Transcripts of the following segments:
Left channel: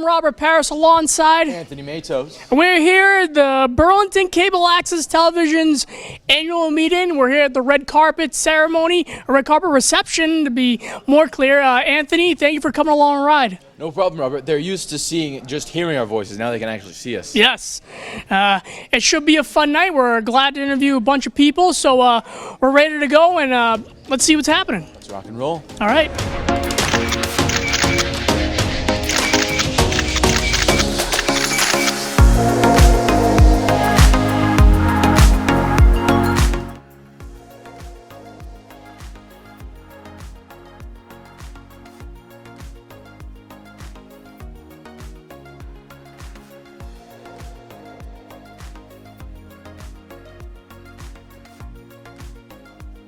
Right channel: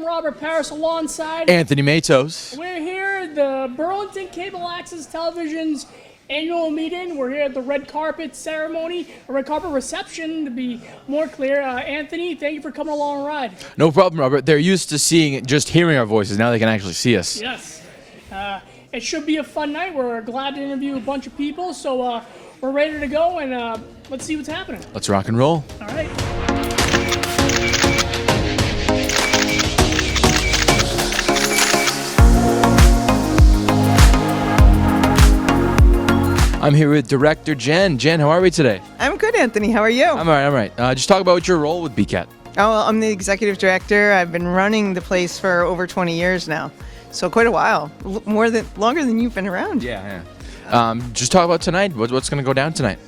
I'm Robert Parris alongside Anthony Matos. We're here at the Burlington Cable Access Television's annual meeting. We're here at the red carpet ceremony, a red carpet reception to be more clear. Anthony, thank you for coming along and ride. No problem, Robert. They're used to hearing our voices. Now they can actually see us. Yes. It should be a fun night. We're glad to interview a bunch of people, so we're ready to go, and let's see what's happening. Let's rock and roll. All right. I'm here with Director Jen. Jen, how are we today? I'm good, Anthony. How are you? I'm all right. Just talk about your role with BCAT. Oh, well, I'm the executive director. I've been running the place for over 20 years now, so quite a while. Longer than you've been around. Yeah. Just talk about tonight. What's going to go down tonight?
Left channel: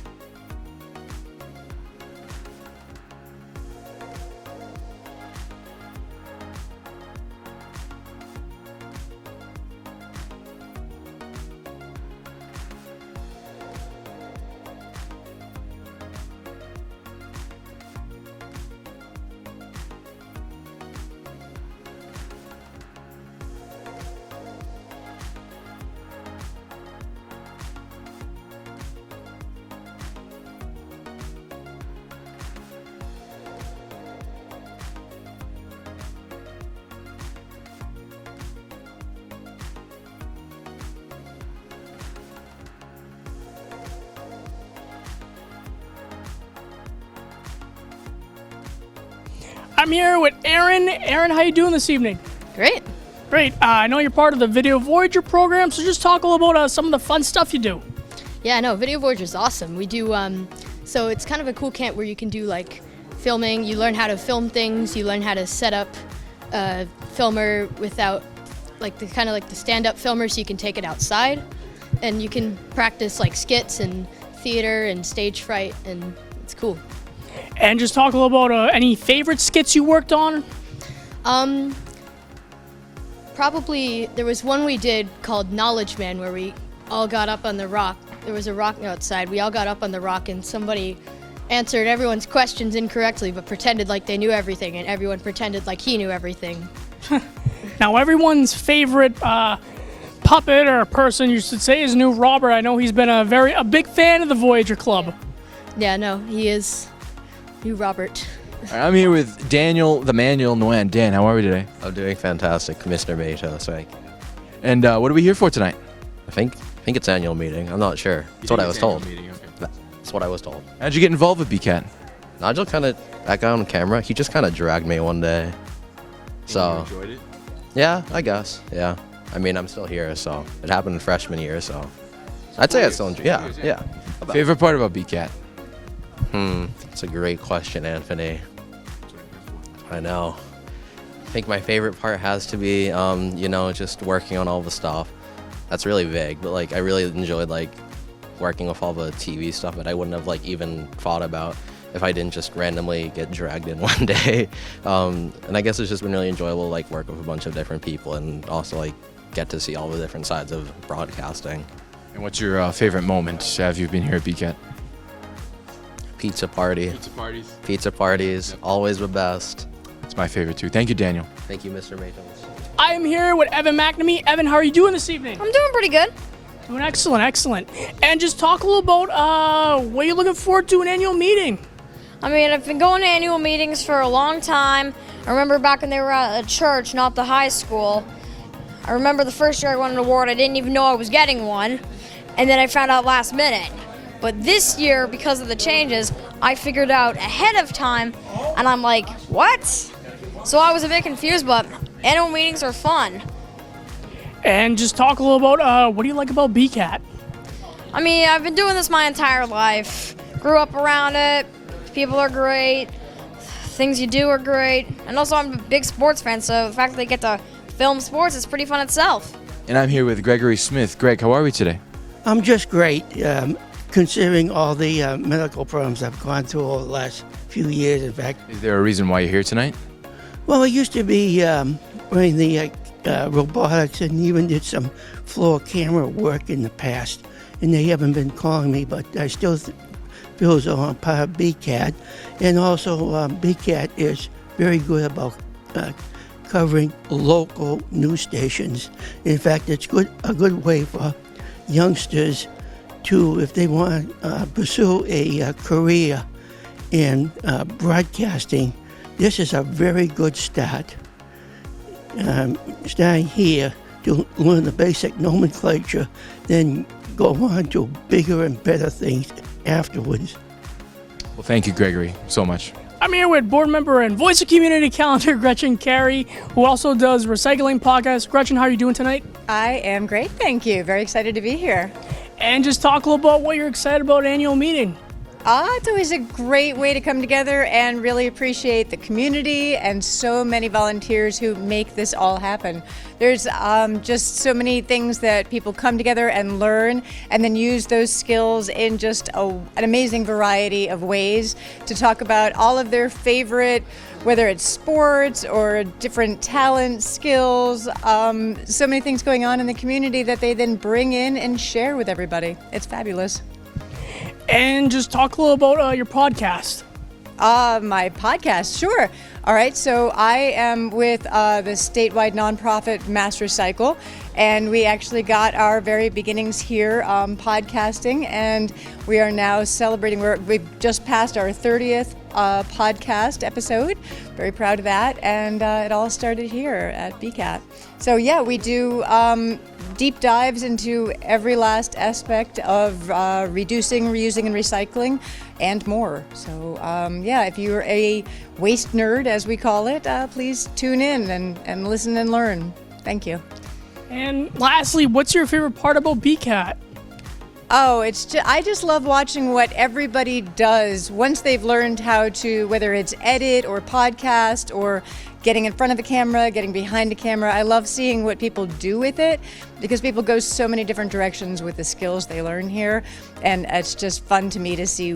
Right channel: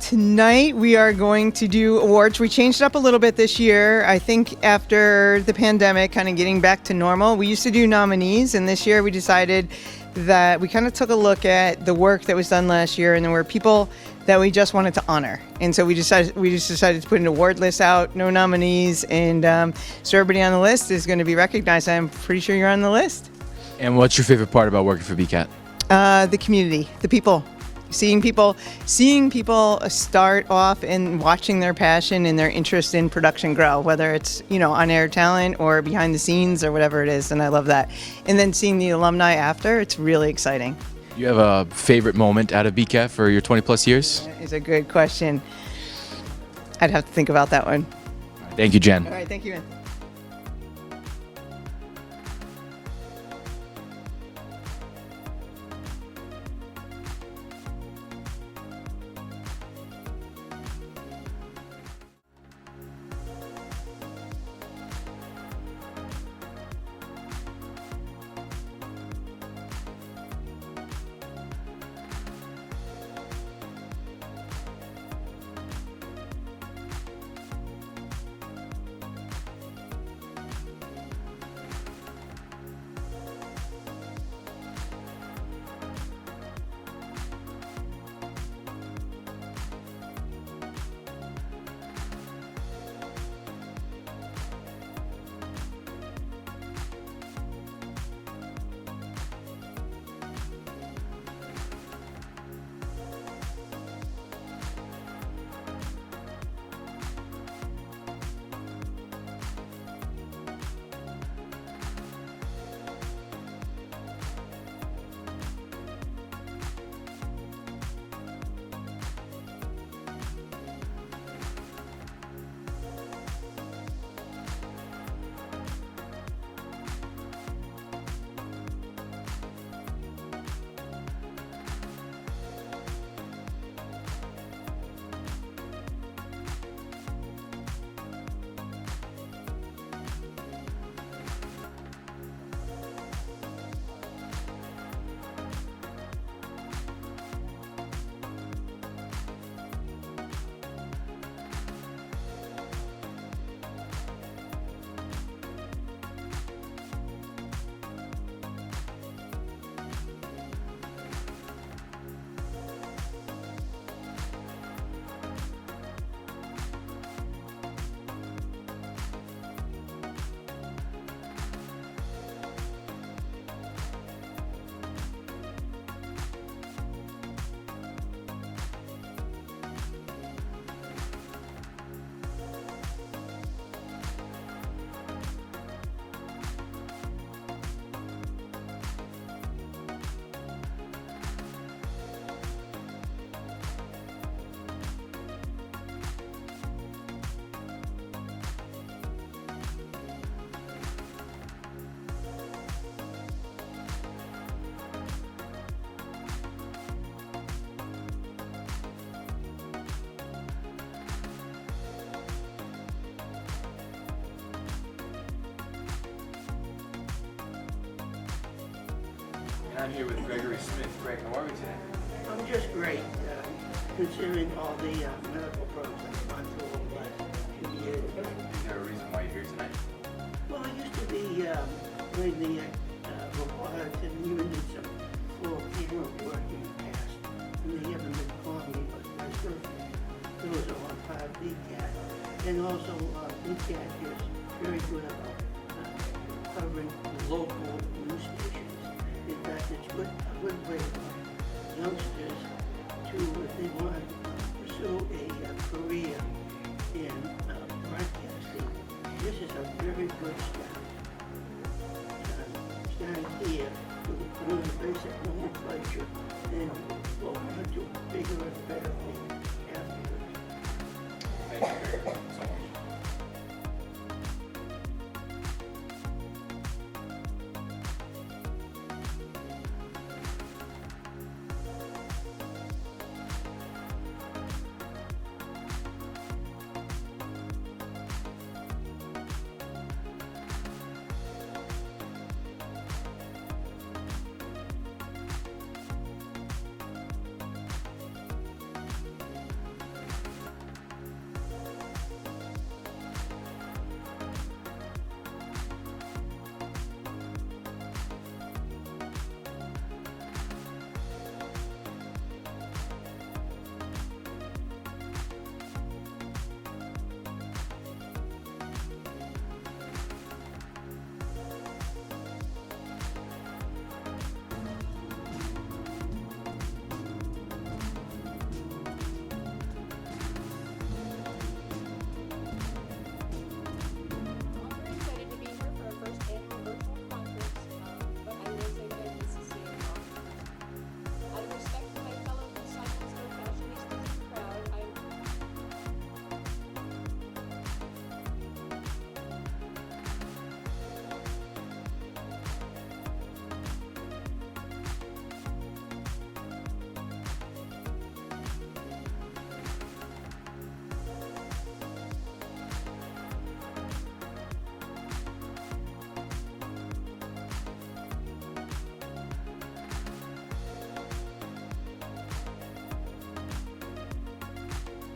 Tonight we are going to do awards. We changed it up a little bit this year. I think after the pandemic, kind of getting back to normal. We used to do nominees, and this year we decided that we kind of took a look at the work that was done last year, and there were people that we just wanted to honor. And so we just decided to put an award list out, no nominees, and so everybody on the list is going to be recognized. I'm pretty sure you're on the list. And what's your favorite part about working for BCAT? The community, the people. Seeing people start off and watching their passion and their interest in production grow, whether it's, on-air talent or behind the scenes or whatever it is, and I love that. And then seeing the alumni after, it's really exciting. You have a favorite moment out of BCAT for your 20 plus years? It's a good question. I'd have to think about that one. Thank you, Jen. All right, thank you. I'm here with Aaron. Aaron, how you doing this evening? Great. Great. I know you're part of the Video Voyager program, so just talk a little about some of the fun stuff you do. Yeah, no, Video Voyager is awesome. We do, so it's kind of a cool camp where you can do like filming. You learn how to film things. You learn how to set up a filmer without the stand-up filmer, so you can take it outside, and you can practice like skits and theater and stage fright, and it's cool. And just talk a little about any favorite skits you worked on. Probably there was one we did called Knowledge Man where we all got up on the rock. There was a rock outside. We all got up on the rock and somebody answered everyone's questions incorrectly but pretended like they knew everything, and everyone pretended like he knew everything. Now everyone's favorite puppet or person, you should say, is new Robert. I know he's been a big fan of the Voyager Club. Yeah, no, he is new Robert. I'm here with Daniel, the manual Nguyen. Dan, how are we today? I'm doing fantastic, Mr. Matos. And what are we here for tonight? I think it's annual meeting. I'm not sure. That's what I was told. That's what I was told. How'd you get involved with BCAT? Nigel that guy on camera, he just kind of dragged me one day. So, You enjoyed it? yeah, I guess. Yeah. I mean, I'm still here, so it happened in freshman year, so I'd say I still enjoy. Yeah. Favorite part about BCAT? That's a great question, Anthony. I know. I think my favorite part has to be, just working on all the stuff. That's really vague, but I really enjoyed working with all the TV stuff that I wouldn't have even thought about if I didn't just randomly get dragged in one day. And I guess it's just been really enjoyable, work with a bunch of different people and also get to see all the different sides of broadcasting. And what's your favorite moment have you been here at BCAT? Pizza party. Pizza parties. Pizza parties, always the best. It's my favorite too. Thank you, Daniel. Thank you, Mr. Matos. I am here with Evan McNamee. Evan, how are you doing this evening? I'm doing pretty good. Doing excellent. And just talk a little about what you're looking forward to an annual meeting. I mean, I've been going to annual meetings for a long time. I remember back when they were at a church, not the high school. I remember the first year I won an award, I didn't even know I was getting one. And then I found out last minute. But this year, because of the changes, I figured out ahead of time, and I'm like, what? So I was a bit confused, but annual meetings are fun. And just talk a little about what do you like about BCAT? I mean, I've been doing this my entire life. Grew up around it. People are great. Things you do are great. And also, I'm a big sports fan, so the fact that they get to film sports is pretty fun itself. And I'm here with Gregory Smith. Greg, how are we today? I'm just great, considering all the medical problems I've gone through over the last few years, in fact. Is there a reason why you're here tonight? Well, I used to be running the robotics and even did some floor camera work in the past, and they haven't been calling me, but I still feel as though I'm part of BCAT. And also, BCAT is very good about covering local news stations. In fact, it's a good way for youngsters to, if they want to pursue a career in broadcasting, this is a very good start. Starting here to learn the basic nomenclature, then go on to bigger and better things afterwards. Well, thank you, Gregory, so much. I'm here with board member and voice of community calendar Gretchen Carey, who also does recycling podcasts. Gretchen, how are you doing tonight? I am great, thank you. Very excited to be here. And just talk a little about what you're excited about annual meeting. It's always a great way to come together and really appreciate the community and so many volunteers who make this all happen. There's just so many things that people come together and learn and then use those skills in just an amazing variety of ways to talk about all of their favorite, whether it's sports or different talents, skills, so many things going on in the community that they then bring in and share with everybody. It's fabulous. And just talk a little about your podcast. My podcast, sure. All right, so I am with the statewide nonprofit Mass Recycle, and we actually got our very beginnings here podcasting, and we are now celebrating. We've just passed our 30th podcast episode. Very proud of that, and it all started here at BCAT. So yeah, we do deep dives into every last aspect of reducing, reusing, and recycling, and more. So yeah, if you're a waste nerd, as we call it, please tune in and listen and learn. Thank you. And lastly, what's your favorite part about BCAT? Oh, I just love watching what everybody does once they've learned how to, whether it's edit or podcast or getting in front of a camera, getting behind a camera. I love seeing what people do with it because people go so many different directions with the skills they learn here, and it's just fun to me to see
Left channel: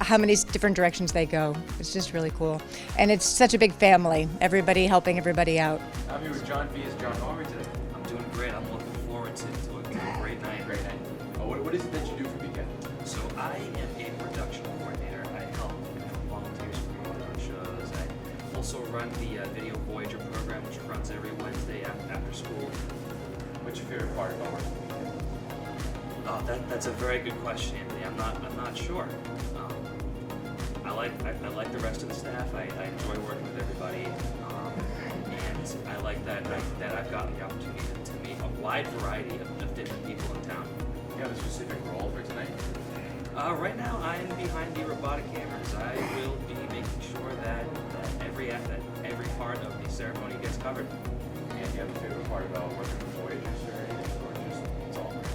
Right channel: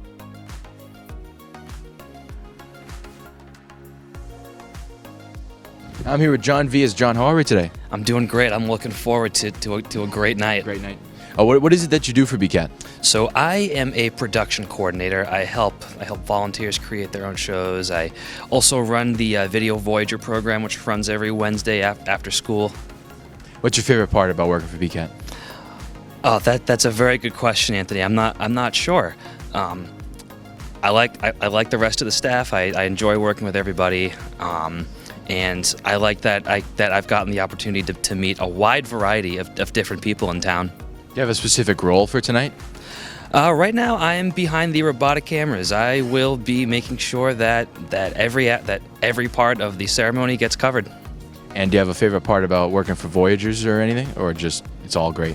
how many different directions they go. It's just really cool. And it's such a big family, everybody helping everybody out. I'm here with John Vias. John, how are we today? I'm doing great. I'm looking forward to a great night. Great night. What is it that you do for BCAT? So I am a production coordinator. I help volunteers create their own shows. I also run the Video Voyager program, which runs every Wednesday after school. What's your favorite part about working for BCAT? Oh, that's a very good question, Anthony. I'm not sure. I like the rest of the staff. I enjoy working with everybody, and I like that I've gotten the opportunity to meet a wide variety of different people in town. Do you have a specific role for tonight? Right now, I am behind the robotic cameras. I will be making sure that every part of the ceremony gets covered. And do you have a favorite part about working for Voyagers or anything, or just it's all great?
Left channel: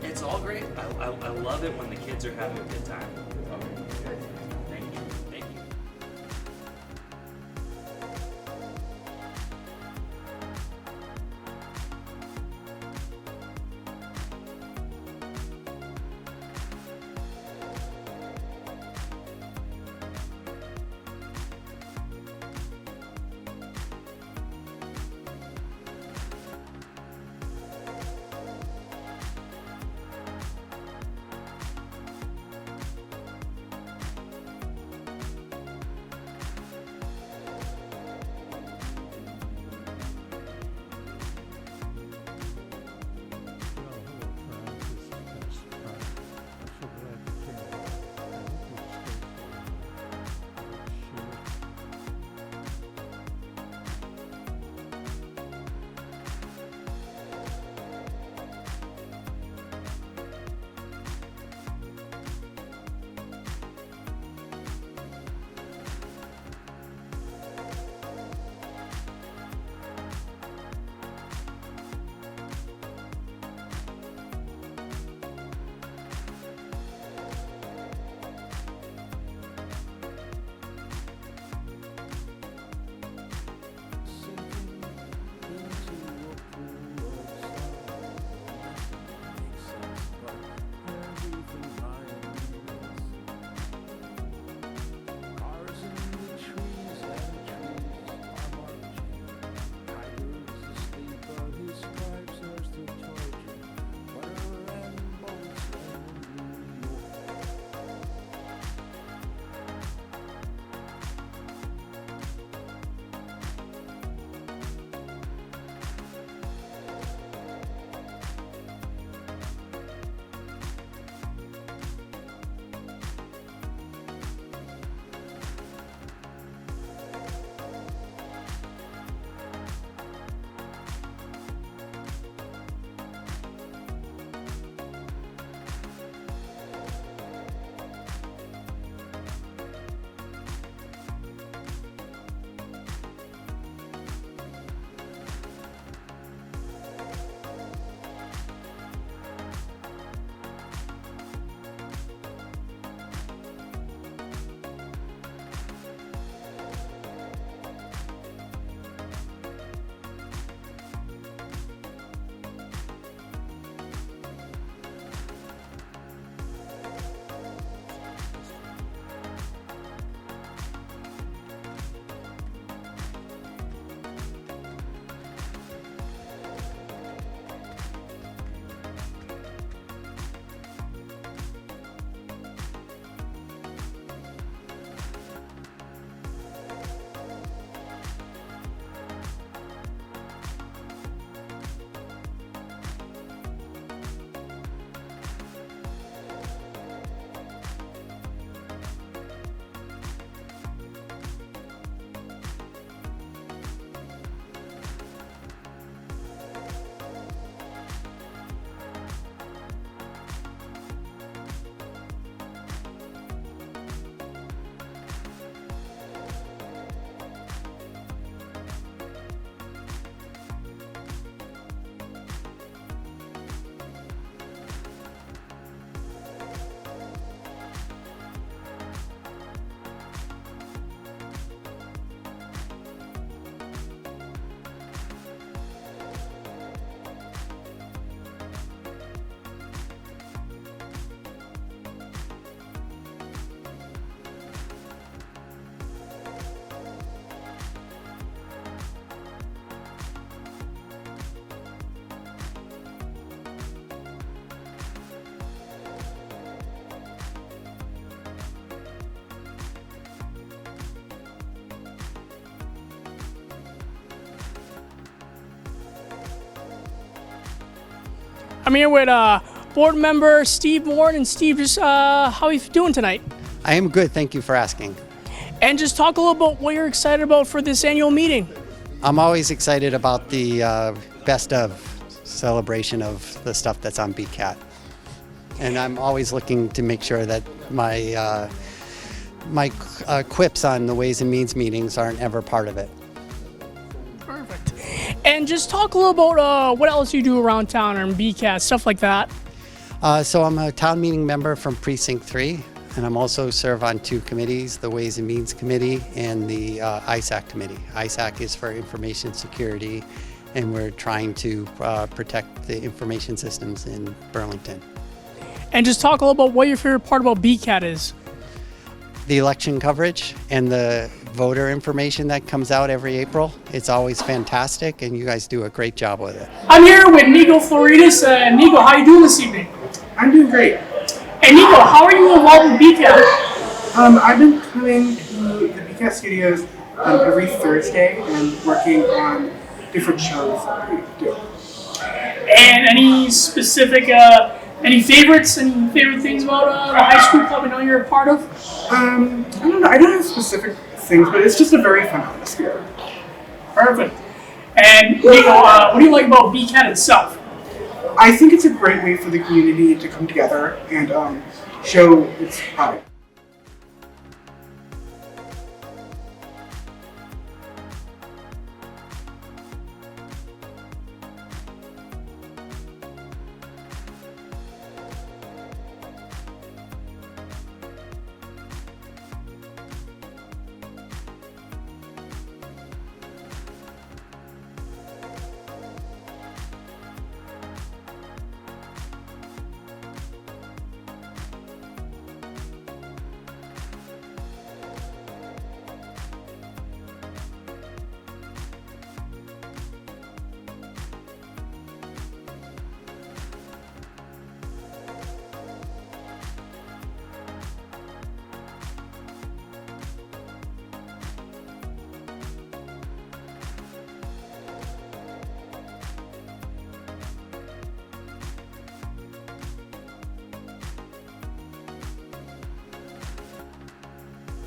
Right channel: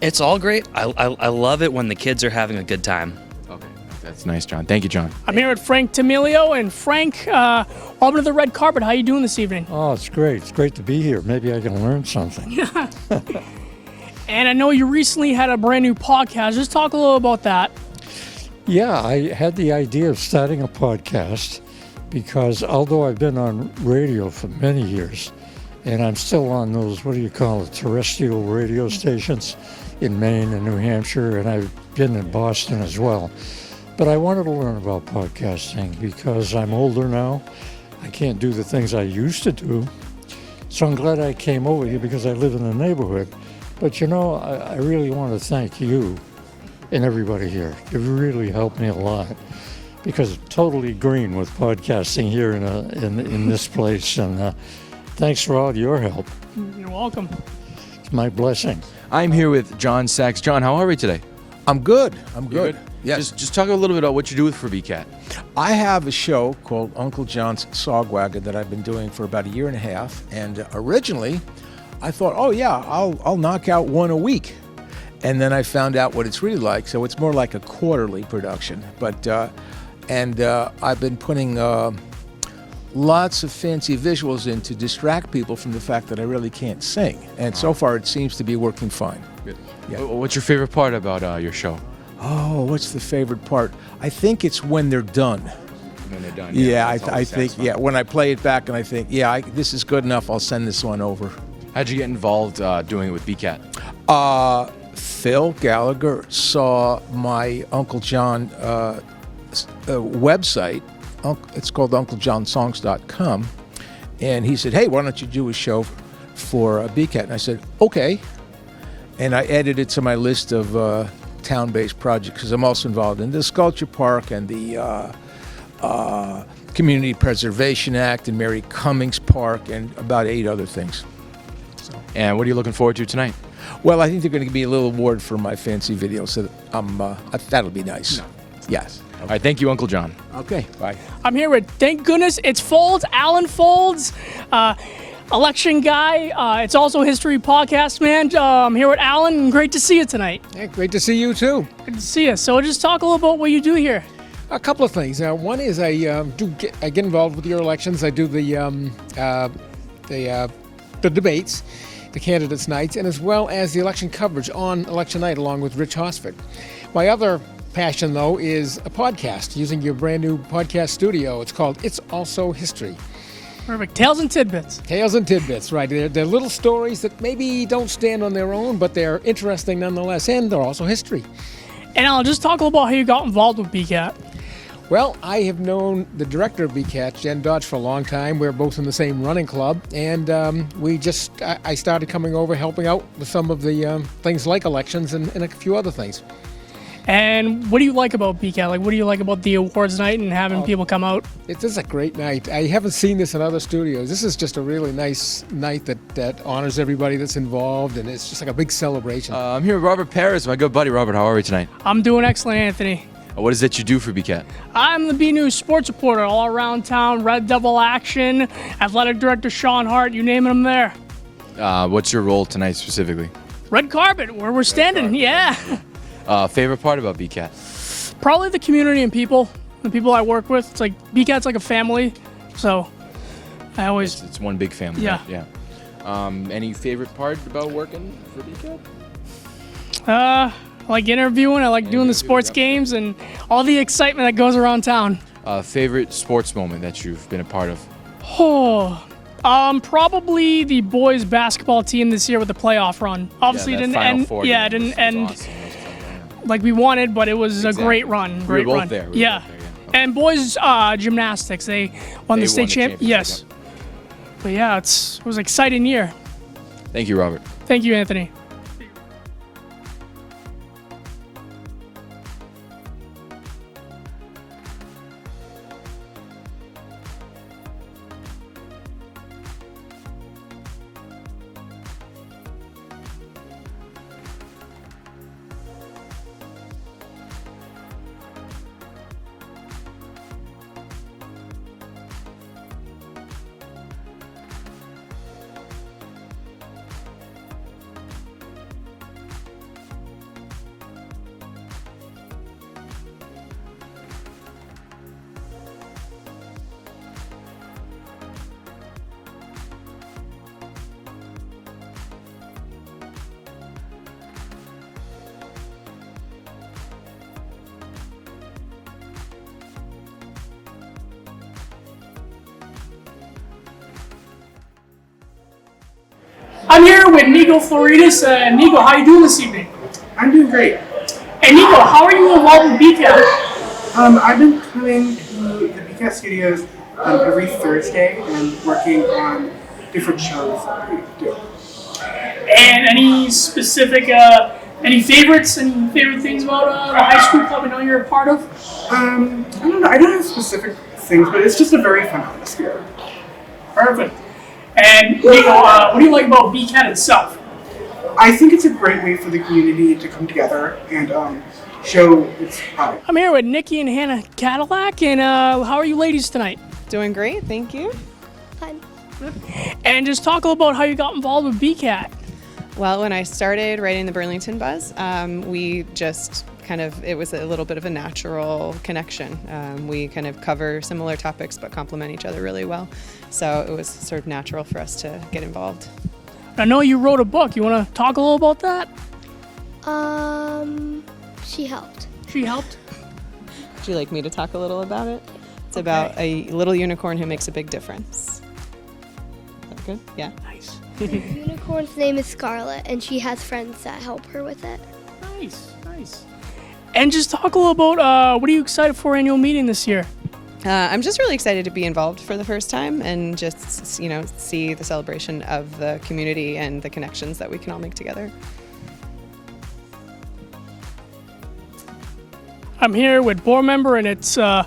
It's all great. I love it when the kids are having a good time. Okay, that's nice, John. Thank you, John. I'm here with Frank Tamilio, and Frank, welcome to the red carpet. How you doing this evening? Oh, it's great. It's great to be here. Maybe I can learn something. And I know you recently had a brand new podcast. Just talk a little about that. Yeah, I had the idea of starting a podcast because although I've been on radio for many years, and I'm still on those, terrestrial radio stations in Maine and New Hampshire, and I've been in Boston as well. But I wanted to learn about podcasting because I'm older now. I can't do the things I used to do. So I'm glad I came over here because I live in the neighborhood. But I really want to thank you and everybody here. You've really helped me a lot because I'm totally green with podcasting here in this place. And thanks for all your help. You're welcome. It's my blessing. I'm here with John Sachs. John, how are we today? I'm good. I'm You good. Yes. Just talk a little bit about what you do for BCAT. I have a show called Uncle John's Sog Wagon that I've been doing for about a year and a half. And originally, I thought, oh yeah, I'll knock out one a week. And then I found out what it's really like. So it's more like a quarterly production. But I've been putting lots of fancy visuals in to distract people from the fact that I really can't sing. And so far, it seems to be working fine. Good. Yeah. What's your favorite part about your show? Oh, what's the favorite part? I think it's when they're done. When they're done. Yeah, it's I always think, satisfying. when I play it back and I think, this is good enough, I'll send this one over. How'd you get involved doing it with BCAT? Phil Gallagher saw my Uncle John website. It's called UncleJohnSongs.com. And he said, hey, why don't you do a show for BCAT? And I said, okay. And I added it to my list of town-based projects because I'm also involved in the Sculpture Park and the Community Preservation Act and Mary Cummings Park and about 8 other things. And what are you looking forward to tonight? Well, I think they're going to give me a little award for my fancy video, so that'll be nice. Yes. All right, thank you, Uncle John. Okay, bye. I'm here with, thank goodness, it's Folds, Alan Folds, election guy. It's also History Podcast, man. I'm here with Alan, and great to see you tonight. Hey, great to see you, too. Good to see you. So just talk a little about what you do here. A couple of things. One is I get involved with your elections. I do the debates, the candidates' nights, and as well as the election coverage on election night along with Rich Hollisford. My other passion, though, is a podcast, using your brand new podcast studio. It's called It's Also History. Perfect. Tales and Tidbits. Tales and Tidbits, right. They're little stories that maybe don't stand on their own, but they're interesting nonetheless, and they're also history. And I'll just talk a little about how you got involved with BCAT. Well, I have known the director of BCAT, Jen Dodge, for a long time. We're both in the same running club, and I started coming over, helping out with some of the things like elections and a few other things. And what do you like about BCAT? Like, what do you like about the awards night and having people come out? This is a great night. I haven't seen this in other studios. This is just a really nice night that honors everybody that's involved, and it's just like a big celebration. I'm here with Robert Parris, my good buddy. Robert, how are we tonight? I'm doing excellent, Anthony. What is it you do for BCAT? I'm the B News sports reporter all around town, Red Devil action, athletic director Sean Hart, you name it, I'm there. What's your role tonight specifically? Red carpet, where we're standing, yeah. Favorite part about BCAT? Probably the community and people, the people I work with. It's like, BCAT's like a family, so I always... It's one big family. Yeah. Right? Yeah. Any favorite part about working for BCAT? I like interviewing, I like doing the sports games and all the excitement that goes around town. Favorite sports moment that you've been a part of? Probably the boys basketball team this year with the playoff run. Obviously it didn't end. Yeah, it didn't end awesome. like we wanted, but it was a great run. Great we were both run. there. Yeah. And boys gymnastics, they won the state champ. Yes. Yep. But yeah, it was an exciting year. Thank you, Robert. Thank you, Anthony. I'm here with board member Steve Ward, and Steve, just how are you doing tonight? I am good, thank you for asking. And just talk a little about what you're excited about for this annual meeting. I'm always excited about the best of celebration of the stuff that's on BCAT. And I'm always looking to make sure that my quips on the Ways and Means meetings aren't ever part of it. Perfect. And just talk a little about what else you do around town or in BCAT, stuff like that. So I'm a town meeting member from Precinct 3, and I'm also serve on 2 committees, the Ways and Means Committee and the ISAC Committee. ISAC is for information security, and we're trying to protect the information systems in Burlington. And just talk a little about what your favorite part about BCAT is. The election coverage and the voter information that comes out every April. It's always fantastic, and you guys do a great job with it. I'm here with Nicole Floridis. Nicole, how are you doing this evening? I'm doing great. And Nicole, how are you involved with BCAT? I've been coming to the BCAT studios every Thursday and working on different shows that we do. And any specific, any favorites, any favorite things about the high school club I know you're a part of? I don't know. I don't have specific things, but it's just a very fun atmosphere. Perfect. And Nicole, what do you like about BCAT itself? I think it's a great way for the community to come together and show its product. I'm here with Nikki and Hannah Cadillac, and how are you ladies tonight? Doing great, thank you. Hi. And just talk a little about how you got involved with BCAT. Well, when I started writing the Burlington Buzz, we just it was a little bit of a natural connection. We kind of cover similar topics but complement each other really well. So it was sort of natural for us to get involved. I know you wrote a book. You want to talk a little about that? She helped. She helped? Would you like me to talk a little about it? It's about a little unicorn who makes a big difference. That good? Yeah. Nice. The unicorn's name is Scarlet, and she has friends that help her with it. Nice, nice. And just talk a little about what are you excited for annual meeting this year? I'm just really excited to be involved for the first time and just, see the celebration of the community and the connections that we can all make together. I'm here with board member, and it's the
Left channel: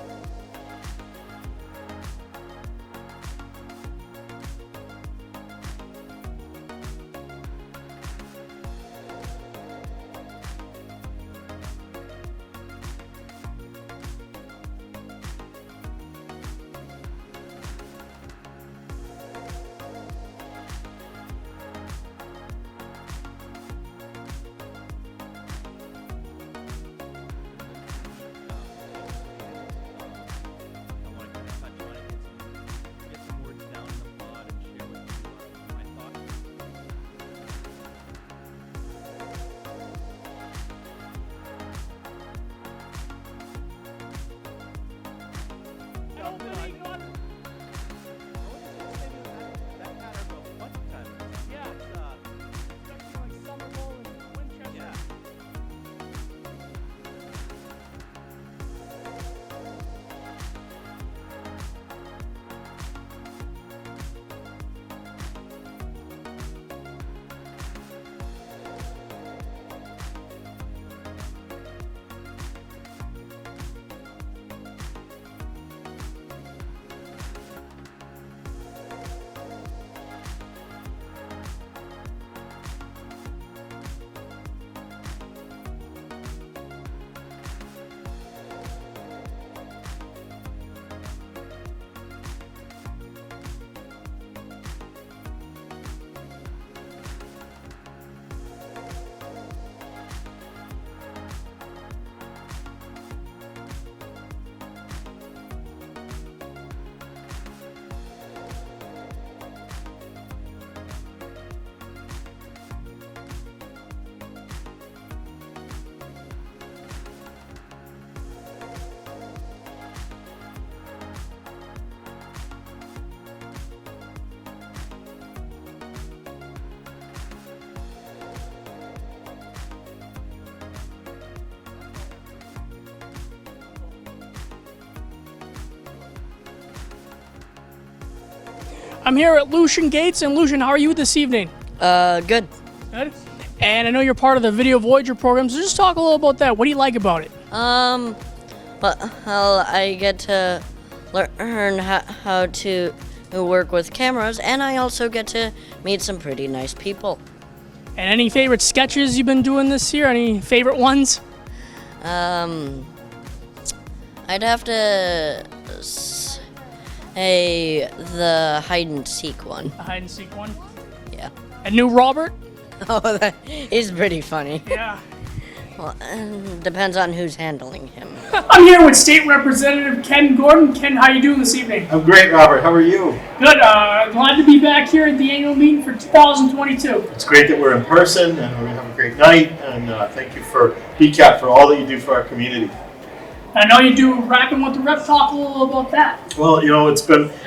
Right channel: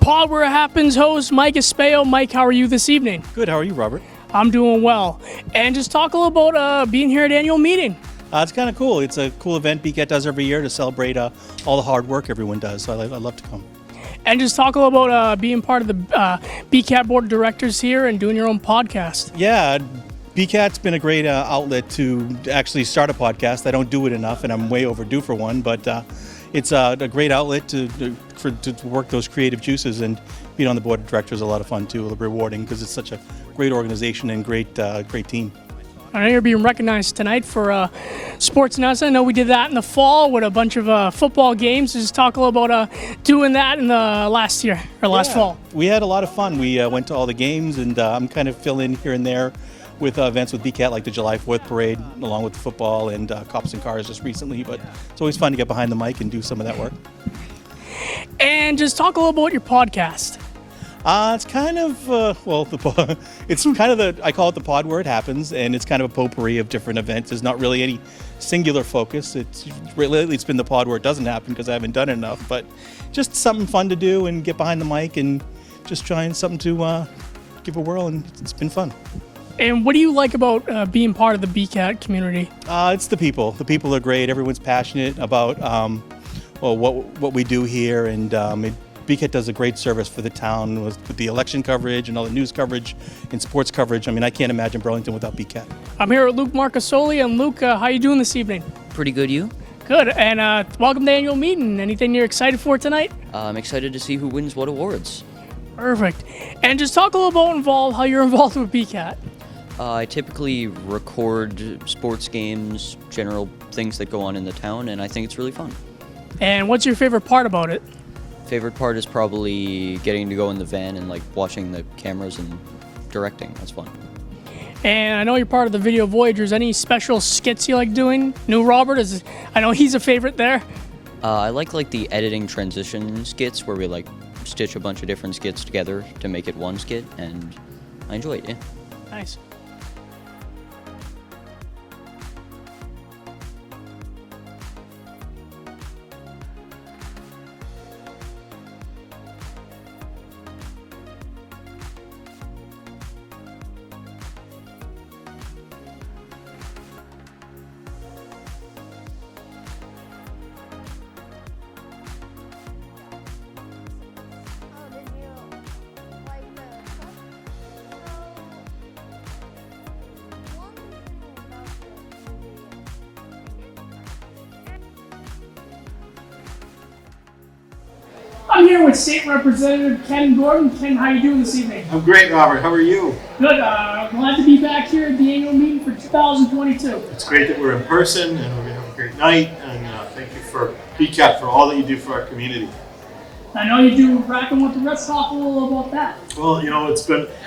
Pod Where It Happens host, Mike Espeo. Mike, how are you this evening? Good. How are you, Robert? I'm doing well. And just talk a little about being here at the annual meeting. It's kind of cool. It's a cool event BCAT does every year to celebrate all the hard work everyone does. So I love to come. And just talk a little about being part of the BCAT board of directors here and doing your own podcast. Yeah, BCAT's been a great outlet to actually start a podcast. I don't do it enough, and I'm way overdue for one, but it's a great outlet to work those creative juices, and being on the board of directors is a lot of fun too, rewarding, because it's such a great organization and great team. I know you're being recognized tonight for Sports Nuts. I know we did that in the fall with a bunch of football games. Just talk a little about doing that in the last fall. We had a lot of fun. We went to all the games, and I'm kind of filling here and there with events with BCAT, like the July 4th parade, along with football and Cops and Cars just recently. But it's always fun to get behind the mic and do some of that work. And just talk a little about your podcast. It's kind of, it's kind of I call it the Pod Where It Happens, and it's kind of a potpourri of different events. There's not really any singular focus. Lately it's been the Pod Where It Doesn't Happen, because I haven't done it enough, but just something fun to do and get behind the mic and just trying something to give a whirl, and it's been fun. And what do you like about being part of the BCAT community? It's the people. The people are great. Everyone's passionate about what we do here, and BCAT does a great service for the town with the election coverage and all the news coverage and sports coverage. I mean, I can't imagine Burlington without BCAT. I'm here with Luke Marcasoli, and Luke, how you doing this evening? Pretty good, you? Good, and welcome to the annual meeting. Anything you're excited for tonight? I'm excited to see who wins what awards. Perfect. And just talk a little about how you're involved with BCAT. I typically record sports games, general things that go on in the town, and I think it's really fun. And what's your favorite part about it? Favorite part is probably getting to go in the van and watching the cameras and directing. That's fun. And I know you're part of the Video Voyagers. Any special skits you like doing? New Robert I know he's a favorite there. I like the editing transition skits where we stitch a bunch of different skits together to make it one skit, and I enjoy it. Yeah. I'm here at Lucian Gates, and Lucian, how are you this evening? Good. Good. And I know you're part of the Video Voyager program, so just talk a little about that. What do you like about it? Well, I get to learn how to work with cameras, and I also get to meet some pretty nice people. And any favorite sketches you've been doing this year? Any favorite ones? I'd have to say the hide and seek one. The hide and seek one? Yeah. And New Robert? Oh, that is pretty funny. Yeah. Well, depends on who's handling him. I'm here with State Representative Ken Gordon. Ken, how you doing this evening? I'm great, Robert. How are you? Good. Glad to be back here at the annual meeting for 2022. It's great that we're in person, and we're going to have a great night, and thank you for BCAT for all that you do for our community. I know you do Rapping with the Rep. Talk a little about that. Well, it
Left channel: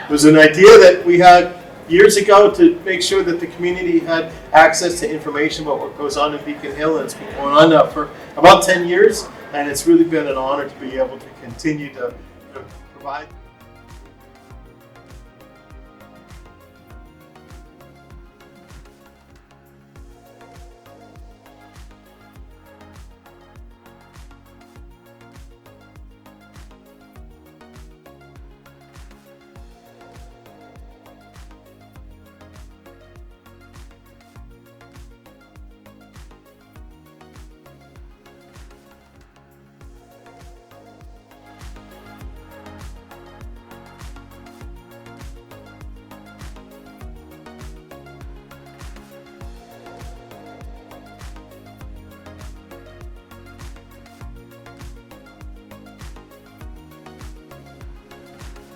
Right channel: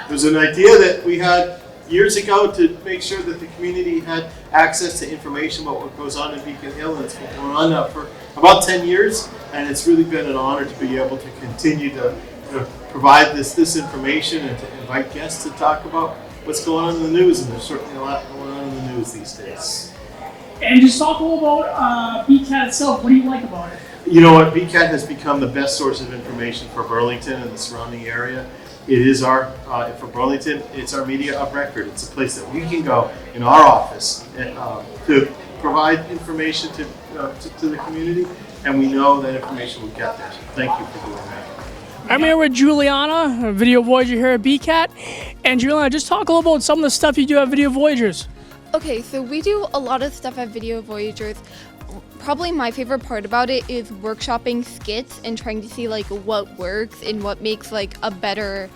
was an idea that we had years ago to make sure that the community had access to information about what goes on in Beacon Hill, and it's been going on for about 10 years, and it's really been an honor to be able to continue to provide this information and to invite guests to talk about what's going on in the news, and there's certainly a lot going on in the news these days. And just talk a little about BCAT itself. What do you like about it? You know what, BCAT has become the best source of information for Burlington and the surrounding area. It is for Burlington, it's our media of record. It's a place that we can go in our office to provide information to the community, and we know that information will get there. So thank you for doing that. I'm here with Juliana, a Video Voyager here at BCAT. And Juliana, just talk a little about some of the stuff you do at Video Voyagers. Okay, so we do a lot of stuff at Video Voyagers. Probably my favorite part about it is workshopping skits and trying to see what works and what makes a better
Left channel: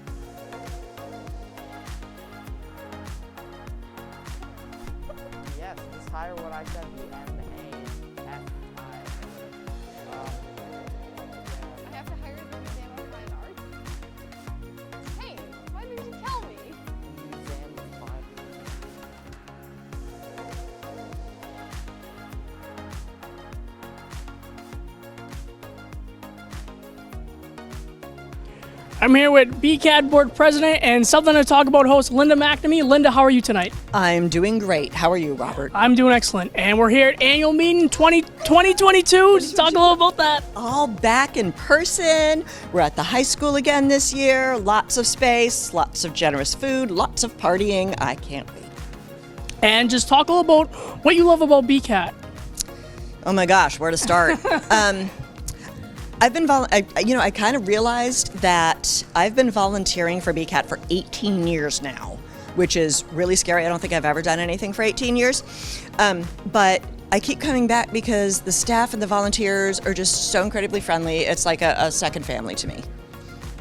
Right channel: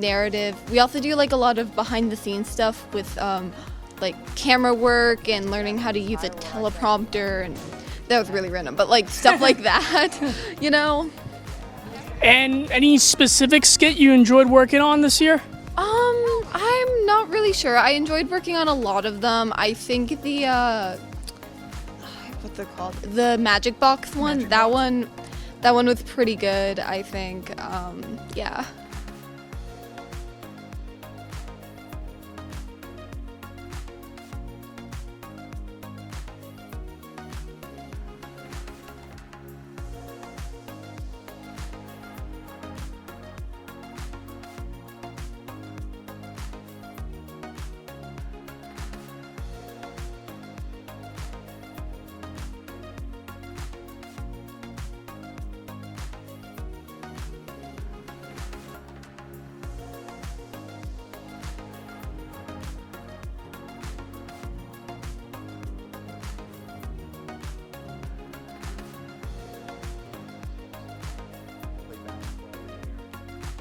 narrative. We also do a lot of behind the scenes stuff with camera work and learning how to use a teleprompter, and that was really random, but stuff like that, you know. And any specific skit you enjoyed working on this year? I'm not really sure. I enjoyed working on a lot of them. I think what's it called? The Magic Box one. That one was pretty good, I think. I'm here with BCAT Board President and something to talk about host Linda McMahon. Linda, how are you tonight? I'm doing great. How are you, Robert? I'm doing excellent. And we're here at annual meeting 2022. Just talk a little about that. All back in person. We're at the high school again this year. Lots of space, lots of generous food, lots of partying. I can't wait. And just talk a little about what you love about BCAT. Oh my gosh, where to start? I've been, I kind of realized that I've been volunteering for BCAT for 18 years now, which is really scary. I don't think I've ever done anything for 18 years. But I keep coming back because the staff and the volunteers are just so incredibly friendly. It's like a second family to me,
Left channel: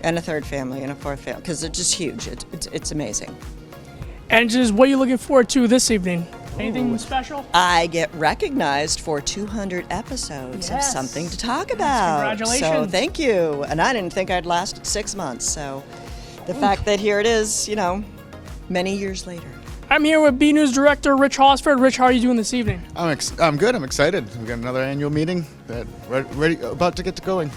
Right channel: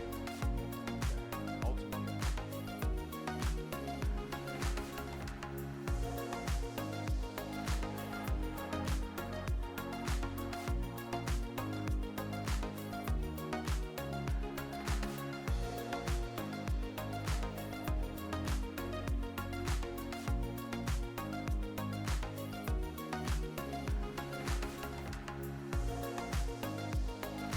and a third family, and a fourth family, because it's just huge. It's amazing. And just what are you looking forward to this evening? Anything special? I get recognized for 200 episodes of something to talk about. Congratulations. So thank you. And I didn't think I'd last 6 months. So the fact that here it is, many years later. I'm here with B News Director Rich Hollisford. Rich, how are you doing this evening? I'm good. I'm excited. We've got another annual meeting that ready about to get to going.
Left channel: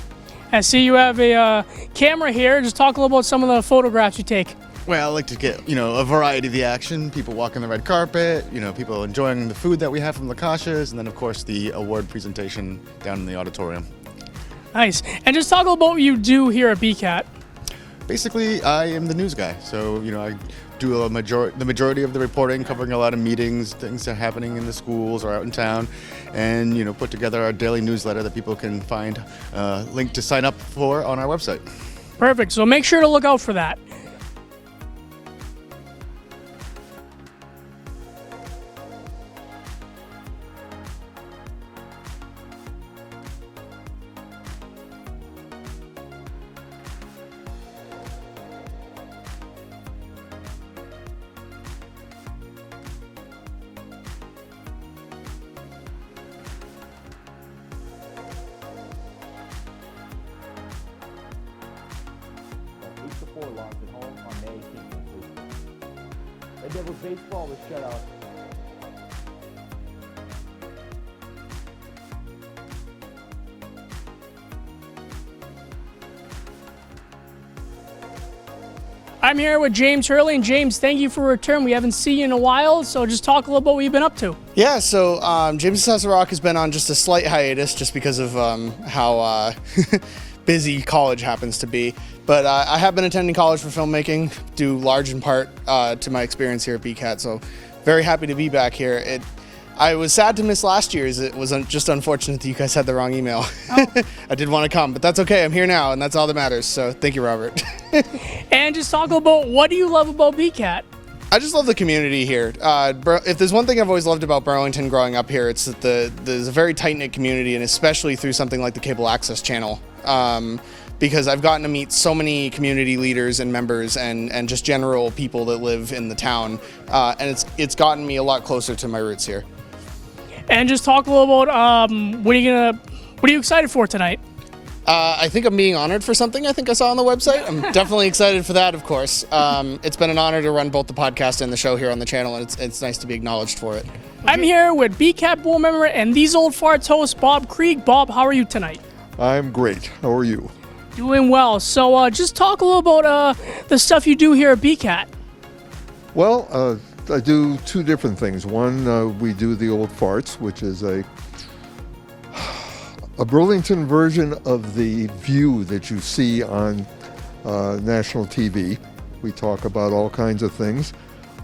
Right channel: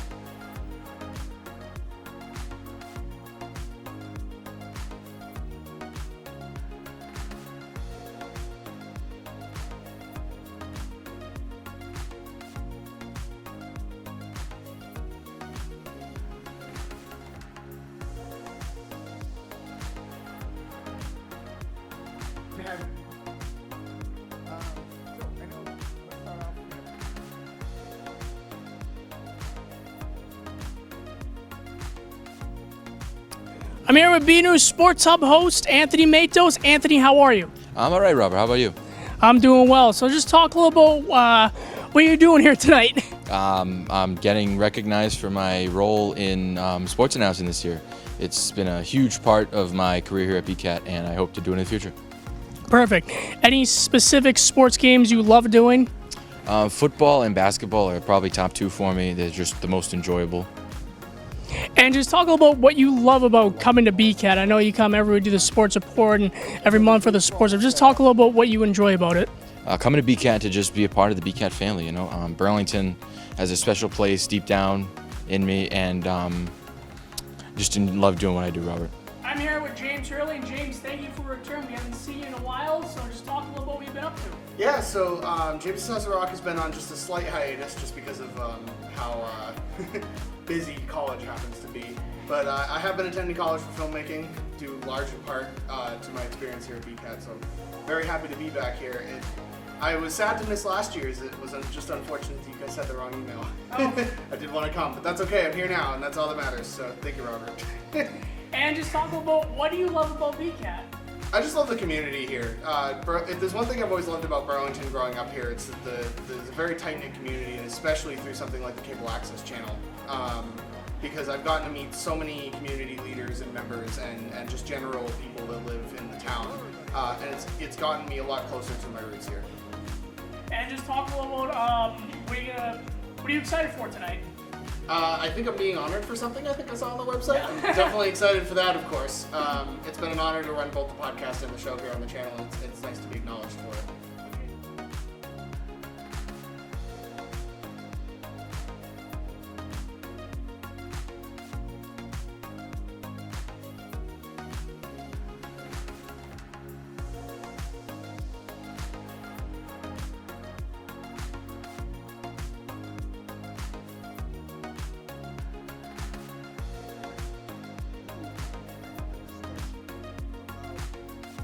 I see you have a camera here. Just talk a little about some of the photographs you take. Well, I like to get, a variety of the action. People walking the red carpet, people enjoying the food that we have from Lakashas, and then, of course, the award presentation down in the auditorium. Nice. And just talk about what you do here at BCAT. Basically, I am the news guy. So, I do the majority of the reporting, covering a lot of meetings, things that are happening in the schools or out in town, and, put together our daily newsletter that people can find a link to sign up for on our website. Perfect. So make sure to look out for that. I'm here with B News Sports Hub host Anthony Matos. Anthony, how are you? I'm all right, Robert. How about you? I'm doing well. So just talk a little about what you're doing here tonight. I'm getting recognized for my role in sports announcing this year. It's been a huge part of my career here at BCAT, and I hope to do it in the future. Perfect. Any specific sports games you love doing? Football and basketball are probably top two for me. They're just the most enjoyable. And just talk about what you love about coming to BCAT. I know you come every week to do the sports report and every month for the sports. Just talk a little about what you enjoy about it. Coming to BCAT to just be a part of the BCAT family. Burlington has a special place deep down in me, and just love doing what I do, Robert. I'm here with James Hurley, and James, thank you for your return. We haven't seen you in a while, so just talk a little about what you've been up to. Yeah, so James Says Rock has been on just a slight hiatus just because of how busy college happens to be. But I have been attending college for filmmaking, due large in part to my experience here at BCAT, so very happy to be back here. I was sad to miss last year's. It was just unfortunate that you guys had the wrong email. Oh. I did want to come, but that's okay. I'm here now, and that's all that matters. So thank you, Robert. And just talk about what do you love about BCAT? I just love the community here. If there's one thing I've always loved about Burlington growing up here, it's that there's a very tight-knit community, and especially through something like the Cable Access channel. Because I've gotten to meet so many community leaders and members and just general people that live in the town, and it's gotten me a lot closer to my roots here. And just talk a little about what are you excited for tonight? I think I'm being honored for something I think I saw on the website. I'm definitely excited for that, of course. It's been an honor to run both the podcast and the show here on the channel, and it's nice to be acknowledged for it. I'm here with BCAT board member and These Old Farts host Bob Krieg. Bob, how are you tonight? I'm great. How are you? Doing well. So just talk a little about the stuff you do here at BCAT. Well, I do two different things. One, we do the Old Farts, which is a Burlington version of the View that you see on national TV. We talk about all kinds of things.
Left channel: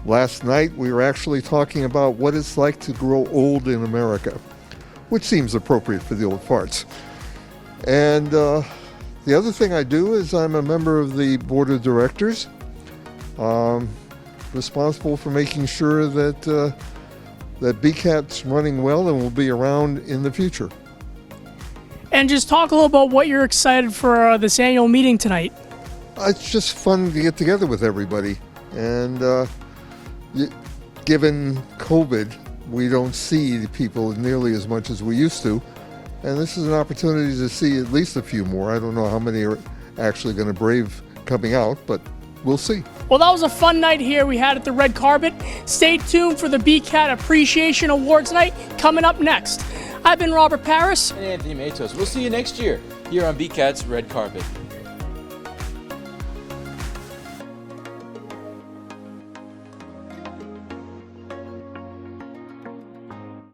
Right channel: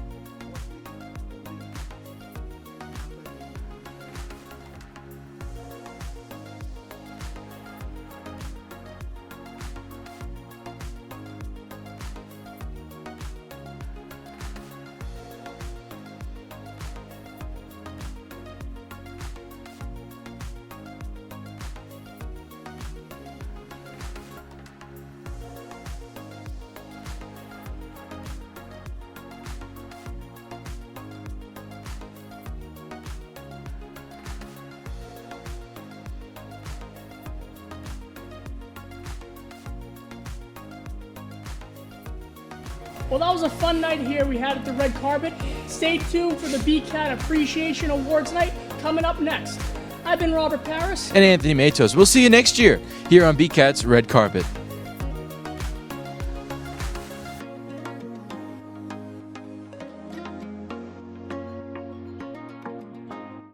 Last night, we were actually talking about what it's like to grow old in America, which seems appropriate for the Old Farts. And the other thing I do is I'm a member of the board of directors, responsible for making sure that that BCAT's running well and will be around in the future. And just talk a little about what you're excited for this annual meeting tonight. It's just fun to get together with everybody. And given COVID, we don't see people nearly as much as we used to. And this is an opportunity to see at least a few more. I don't know how many are actually going to brave coming out, but we'll see. Well, that was a fun night here we had at the red carpet. Stay tuned for the BCAT Appreciation Awards night coming up next. I've been Robert Parris. And Anthony Matos. We'll see you next year here on BCAT's Red Carpet.